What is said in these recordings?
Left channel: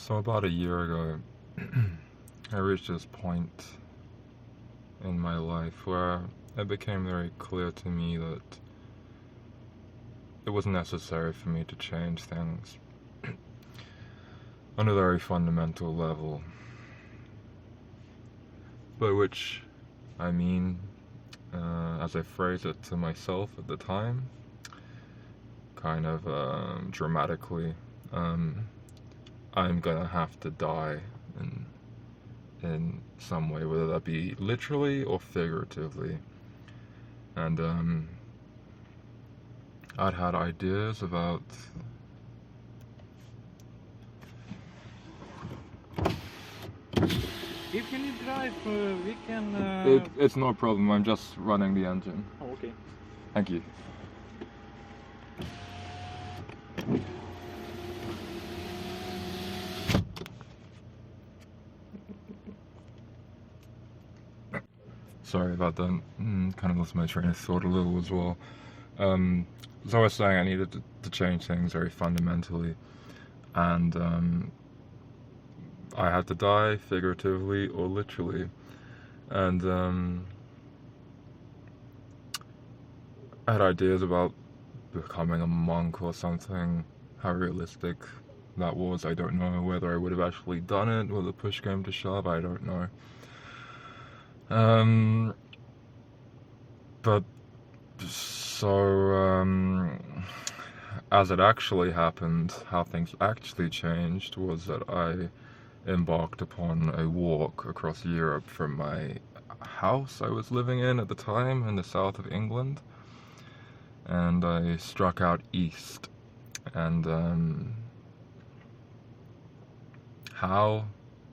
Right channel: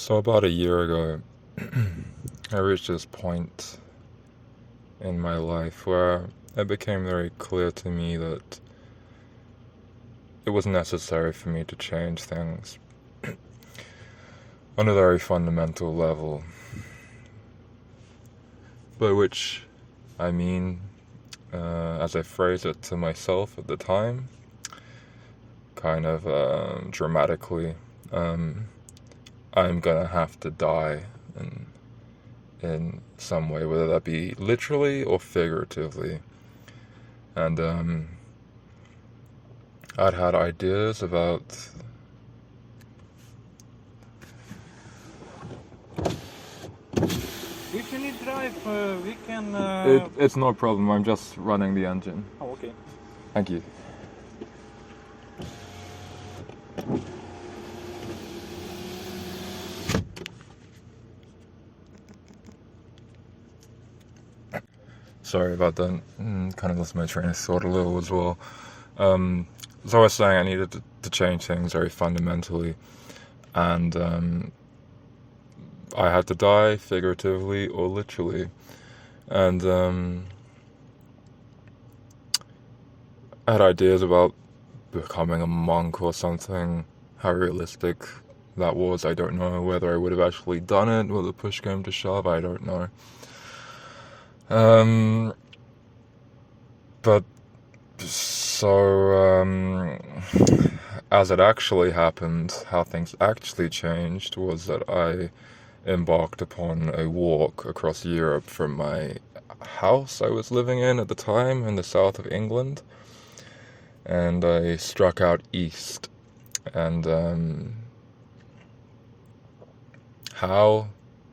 So about a year ago, I reached this point in my life where it became very clear to me that it was necessary for me to change things on a very fundamental level. By which I mean, as I phrased it to myself at the time, kind of dramatically, I'm gonna have to die in some way, whether that be literally or figuratively. And I'd had ideas about. If you need drive, we can. It's no problem. I'm just running the engine. Oh, okay. Thank you. Sorry about that. Kind of lost my train of thought a little as well. As I was saying, I needed to change things very fundamentally, and I had to die figuratively or literally. And I had ideas about becoming a monk or something. How realistic that was, I don't know. Whether I would have actually done it, whether push came to shove, I don't know. But so as it actually happened, how things actually changed was that I embarked upon a walk across Europe from my house I was living in at the time in the south of England, and I struck out east. And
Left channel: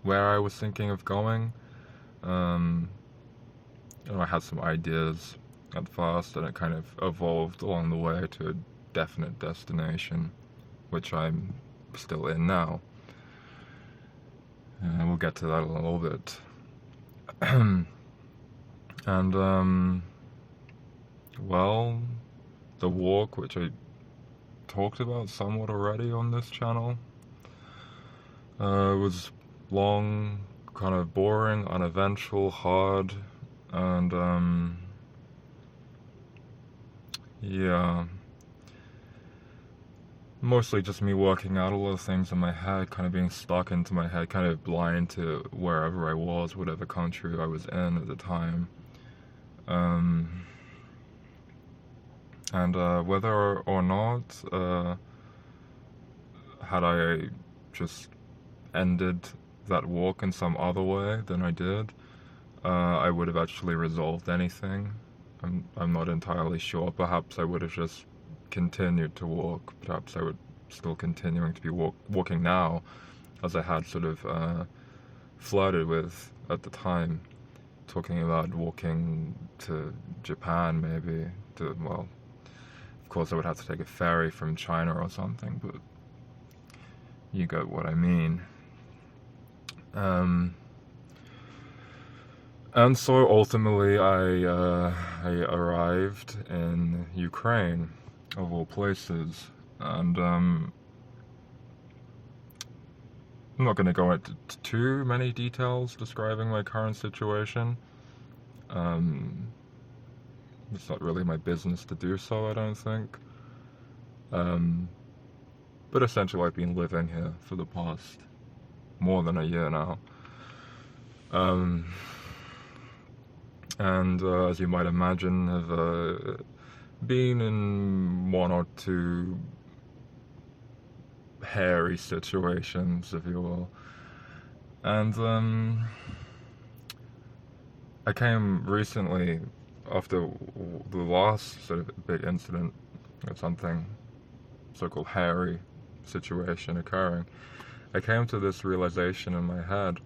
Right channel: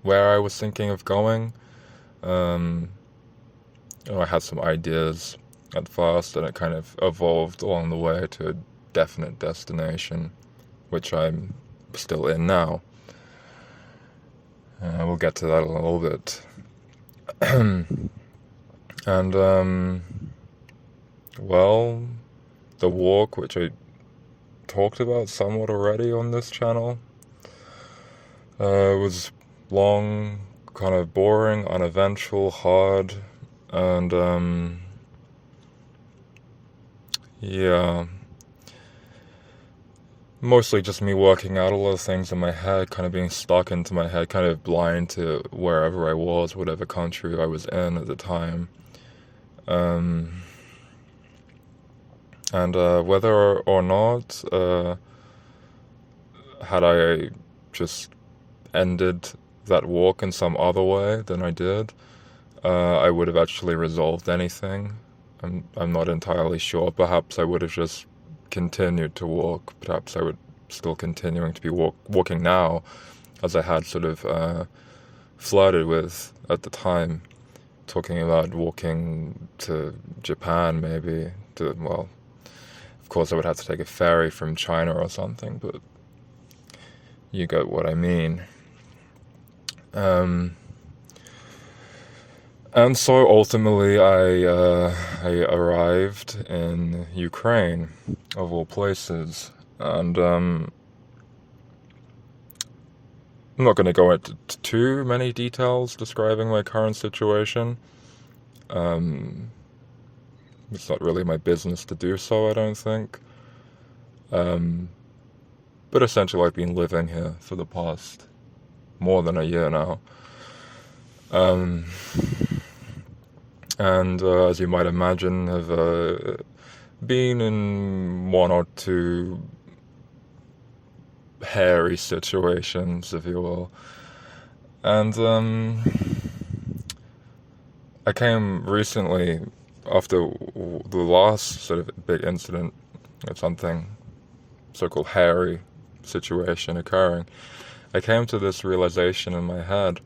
where I was thinking of going, I had some ideas at first, and it kind of evolved along the way to a definite destination, which I'm still in now. We'll get to that in a little bit. And, well, the walk, which I talked about somewhat already on this channel, was long, kind of boring, uneventful, hard, and, yeah, mostly just me working out a lot of things in my head, kind of being stuck into my head, kind of blind to wherever I was, whatever country I was in at the time. And whether or not, had I just ended that walk in some other way than I did, I would have actually resolved anything. I'm not entirely sure. Perhaps I would have just continued to walk. Perhaps I would still continuing to be walking now, as I had sort of flirted with at the time, talking about walking to Japan maybe. Well, of course I would have to take a ferry from China or something, but you get what I mean. And so ultimately I arrived in Ukraine, of all places, and I'm not going to go into too many details describing my current situation. It's not really my business to do so, I don't think. But essentially I've been living here for the past more than a year now. And as you might imagine, have been in one or two hairy situations, if you will. And I came recently, after the last sort of big incident of something so-called hairy situation occurring, I came to this realization in my head,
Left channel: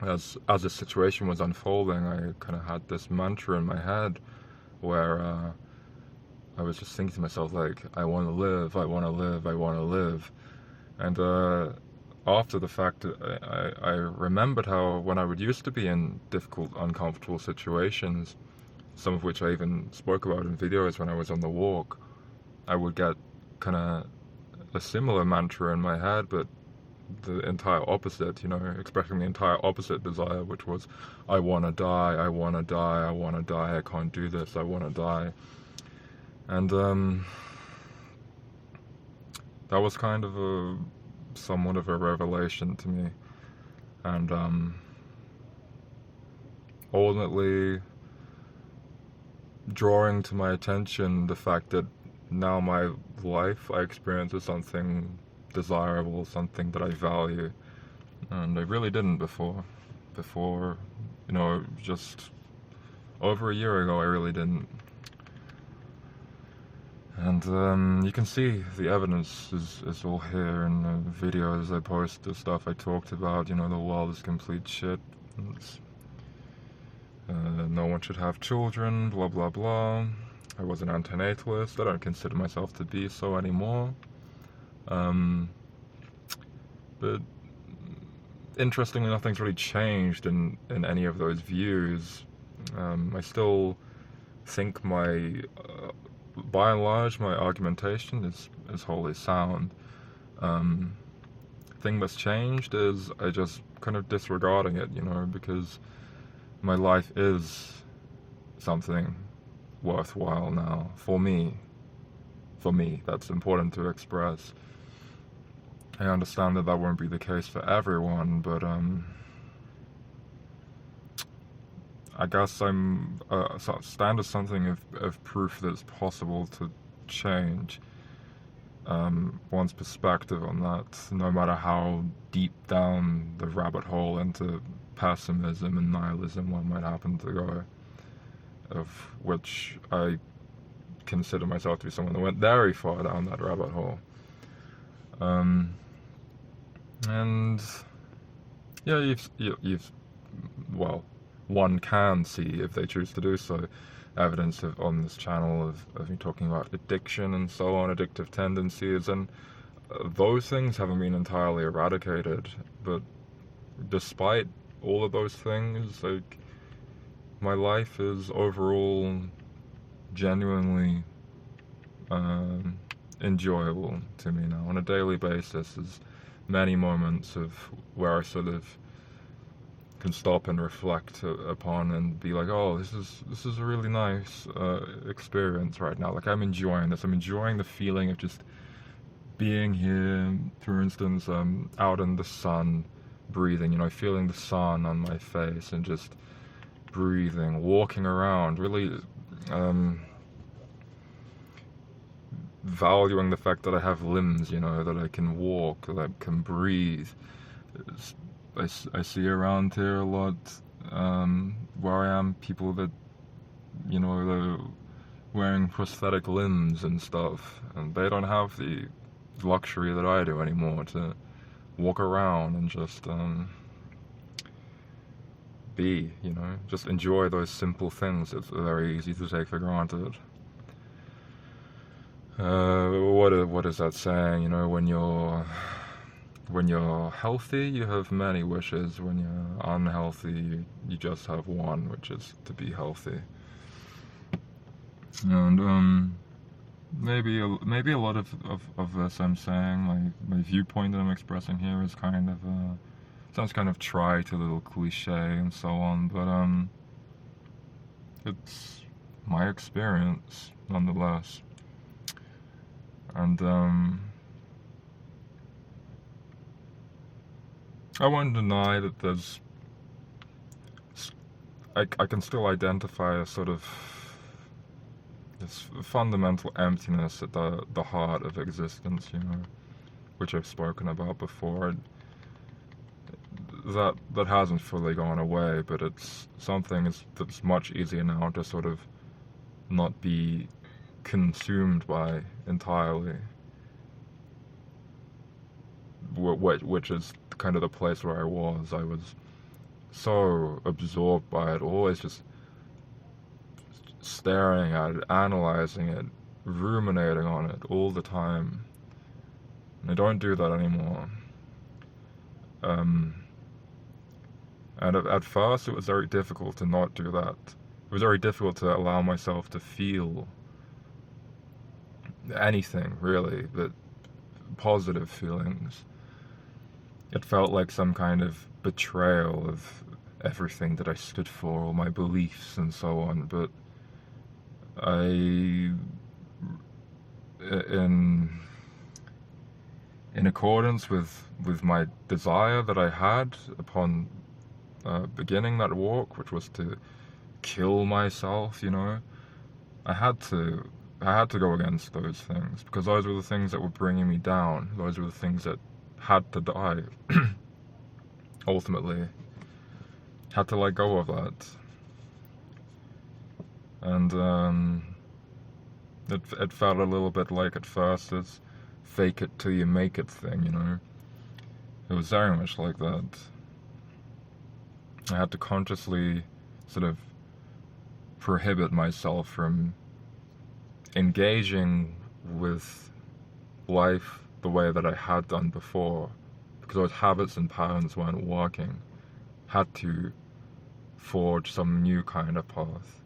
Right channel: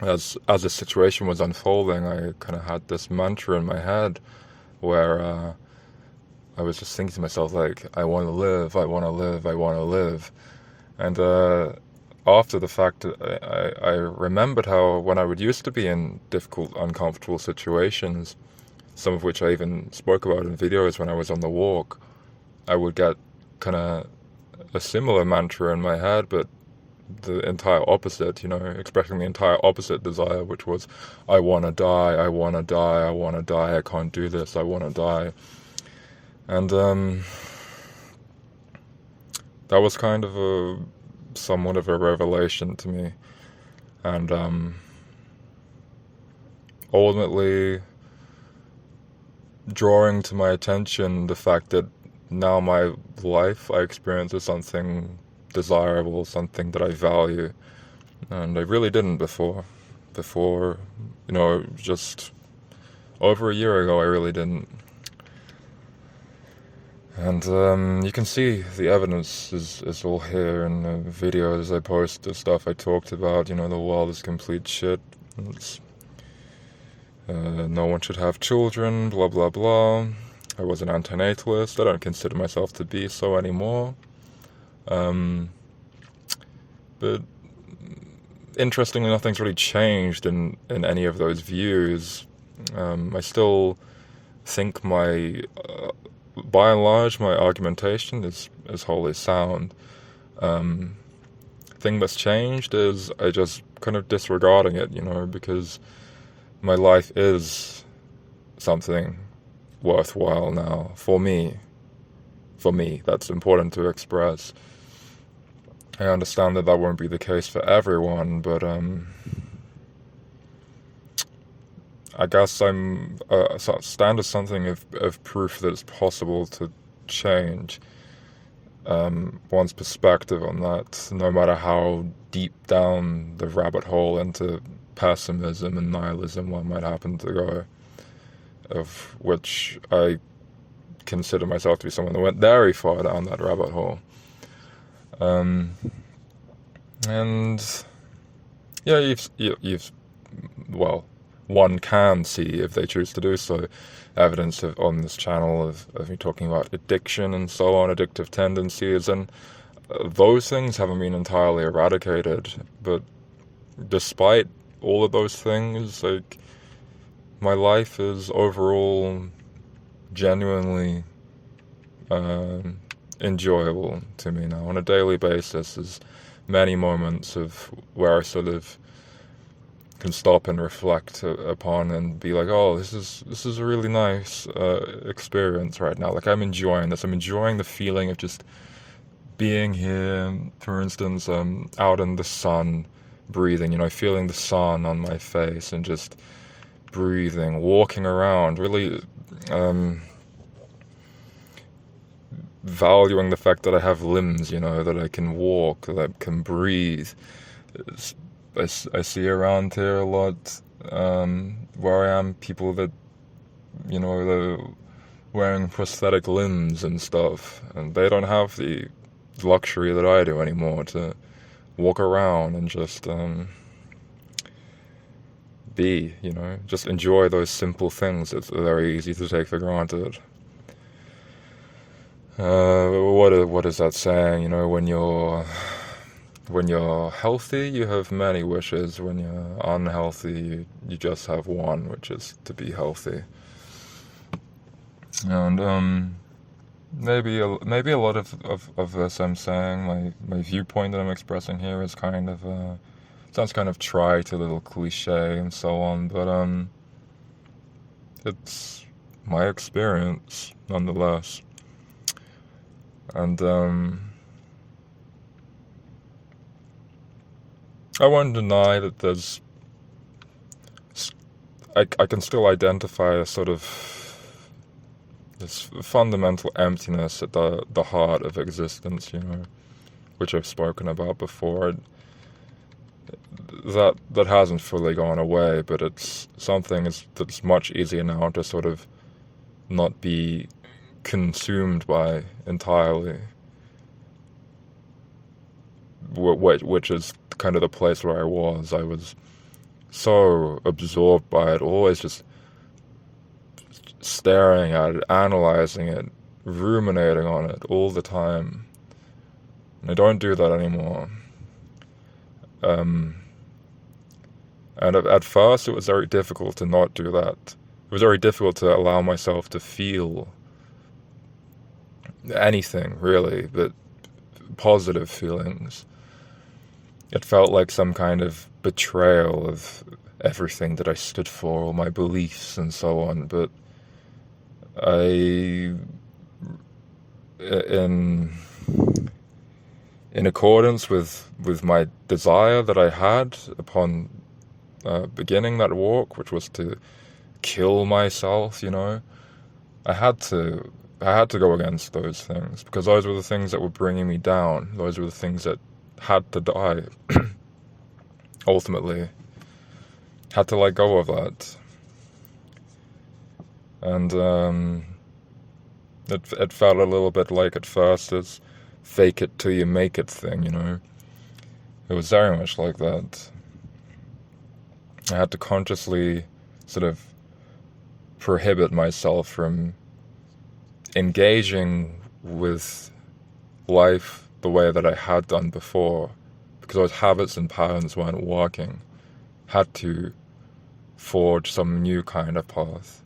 as the situation was unfolding. I kind of had this mantra in my head where I was just thinking to myself, like, I want to live, I want to live, I want to live. And after the fact, I remembered how when I would used to be in difficult, uncomfortable situations, some of which I even spoke about in videos when I was on the walk, I would get kind of a similar mantra in my head, but the entire opposite, expressing the entire opposite desire, which was, I want to die, I want to die, I want to die, I can't do this, I want to die. And that was kind of somewhat of a revelation to me. And ultimately drawing to my attention the fact that now my life I experience as something desirable, something that I value, and I really didn't before. Just over a year ago, I really didn't. And you can see the evidence is all here in the videos I post, the stuff I talked about. The world is complete shit. No one should have children, blah blah blah. I was an antinatalist. I don't consider myself to be so anymore. But interestingly, nothing's really changed in any of those views. I still think by and large, my argumentation is wholly sound. Thing that's changed is I just kind of disregarding it, because my life is something worthwhile now for me. That's important to express. I understand that won't be the case for everyone, but I guess I'm stand as something of proof that it's possible to change one's perspective on that, no matter how deep down the rabbit hole into pessimism and nihilism one might happen to go, of which I consider myself to be someone that went very far down that rabbit hole. And yeah, you've one can see, if they choose to do so, evidence on this channel of me talking about addiction and so on, addictive tendencies, and those things haven't been entirely eradicated. But despite all of those things, my life is overall genuinely enjoyable to me now on a daily basis. There's many moments of where I sort of can stop and reflect upon and be like, oh, this is a really nice experience right now. I'm enjoying this. I'm enjoying the feeling of just being here, for instance, out in the sun, breathing, feeling the sun on my face and just breathing, walking around, really valuing the fact that I have limbs, that I can walk, that I can breathe. I see around here a lot, where I am, people that, they're wearing prosthetic limbs and stuff, and they don't have the luxury that I do anymore to walk around and just be, just enjoy those simple things. It's very easy to take for granted. What is that saying? When you're healthy, you have many wishes. When you're unhealthy, you just have one, which is to be healthy. And maybe a lot of this I'm saying, my viewpoint that I'm expressing here is kind of sounds kind of trite, a little cliche and so on, but it's my experience nonetheless. And I won't deny that I can still identify a sort of this fundamental emptiness at the heart of existence, which I've spoken about before. That hasn't fully gone away, but it's something that's much easier now to sort of not be consumed by entirely, which is kind of the place where I was. I was so absorbed by it, always just staring at it, analyzing it, ruminating on it all the time. And I don't do that anymore. And at first it was very difficult to not do that. It was very difficult to allow myself to feel anything, really, but positive feelings. It felt like some kind of betrayal of everything that I stood for, all my beliefs and so on, but in accordance with my desire that I had upon beginning that walk, which was to kill myself, I had to go against those things, because those were the things that were bringing me down. Those were the things that had to die. Ultimately, had to let go of that. And it felt a little bit like at first this fake it till you make it thing, It was very much like that. I had to consciously sort of prohibit myself from engaging with life the way that I had done before, because those habits and patterns weren't working. Had to forge some new kind of path.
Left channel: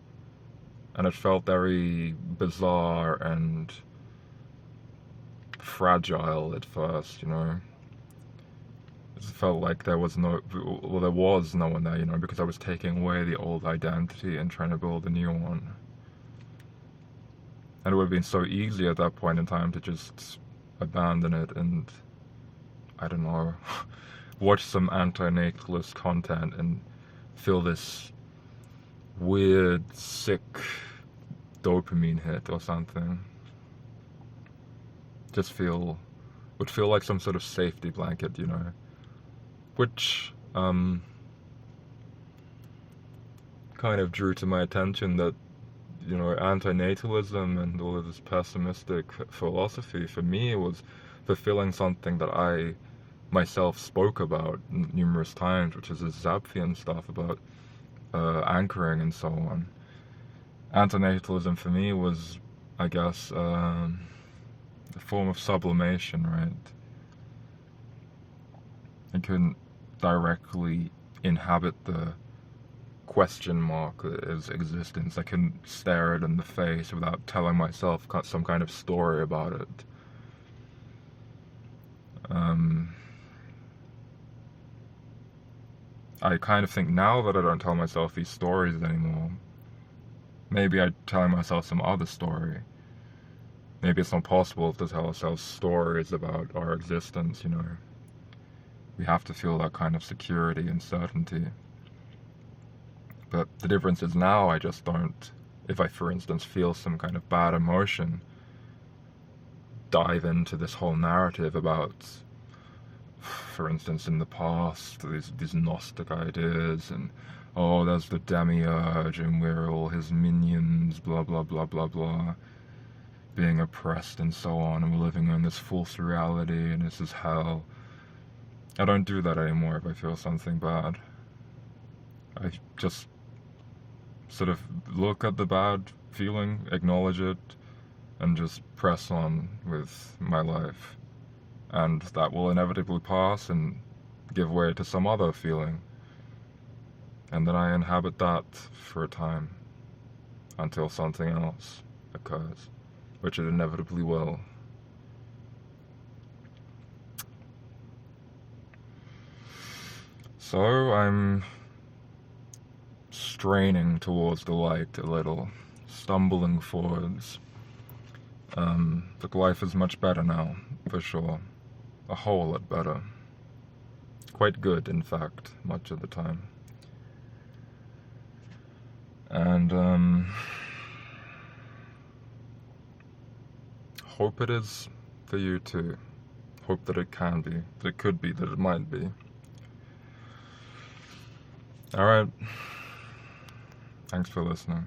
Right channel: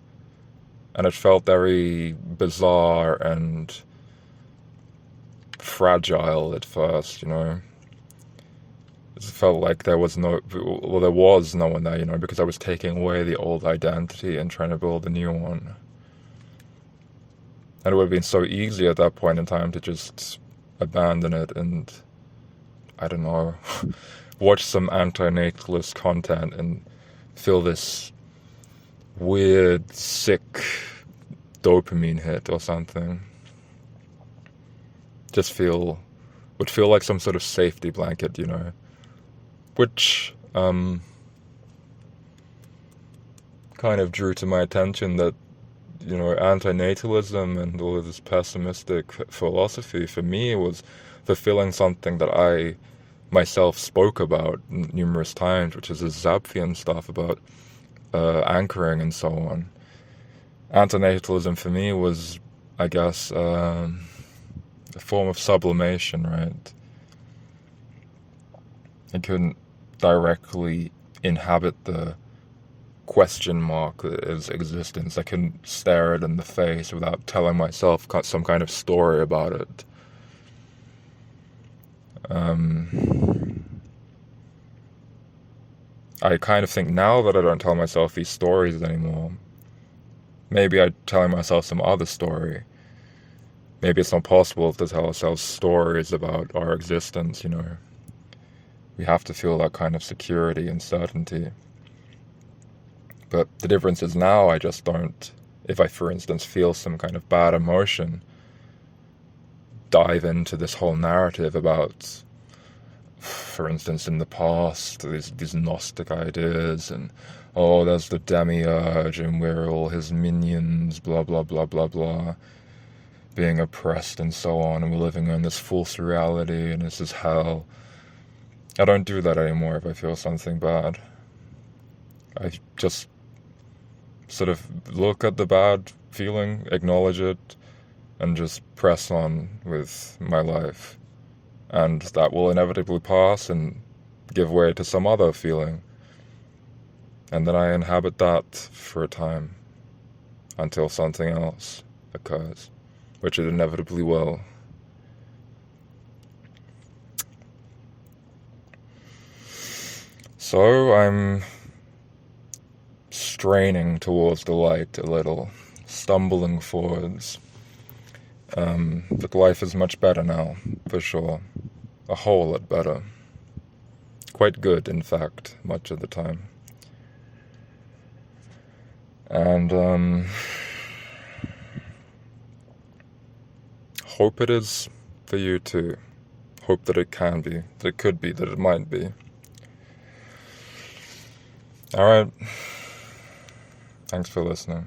And it felt very bizarre and fragile at first, It felt like there was no one there, because I was taking away the old identity and trying to build a new one. And it would have been so easy at that point in time to just abandon it and, I don't know, watch some anti-natalist content and feel this weird, sick dopamine hit or something. Would feel like some sort of safety blanket, which kind of drew to my attention that, anti-natalism and all of this pessimistic philosophy for me was fulfilling something that I myself spoke about numerous times, which is this Zapfian stuff about anchoring and so on. Antinatalism for me was, I guess, a form of sublimation, right? I couldn't directly inhabit the question mark that is existence. I couldn't stare it in the face without telling myself some kind of story about it. I kind of think now that I don't tell myself these stories anymore, maybe I'm telling myself some other story. Maybe it's not possible to tell ourselves stories about our existence, We have to feel that kind of security and certainty. But the difference is now I just don't, if I, for instance, feel some kind of bad emotion, dive into this whole narrative about, for instance, in the past, these Gnostic ideas, and, there's the demiurge, and we're all his minions, blah, blah, blah, blah, blah, being oppressed and so on, and we're living in this false reality, and this is hell. I don't do that anymore if I feel something bad. I just sort of look at the bad feeling, acknowledge it, and just press on with my life. And that will inevitably pass and give way to some other feeling. And then I inhabit that for a time until something else occurs, which it inevitably will. So I'm straining towards the light a little, stumbling forwards. But life is much better now, for sure. A whole lot better. Quite good, in fact, much of the time. And hope it is for you too. Hope that it can be, that it could be, that it might be. Alright. Thanks for listening.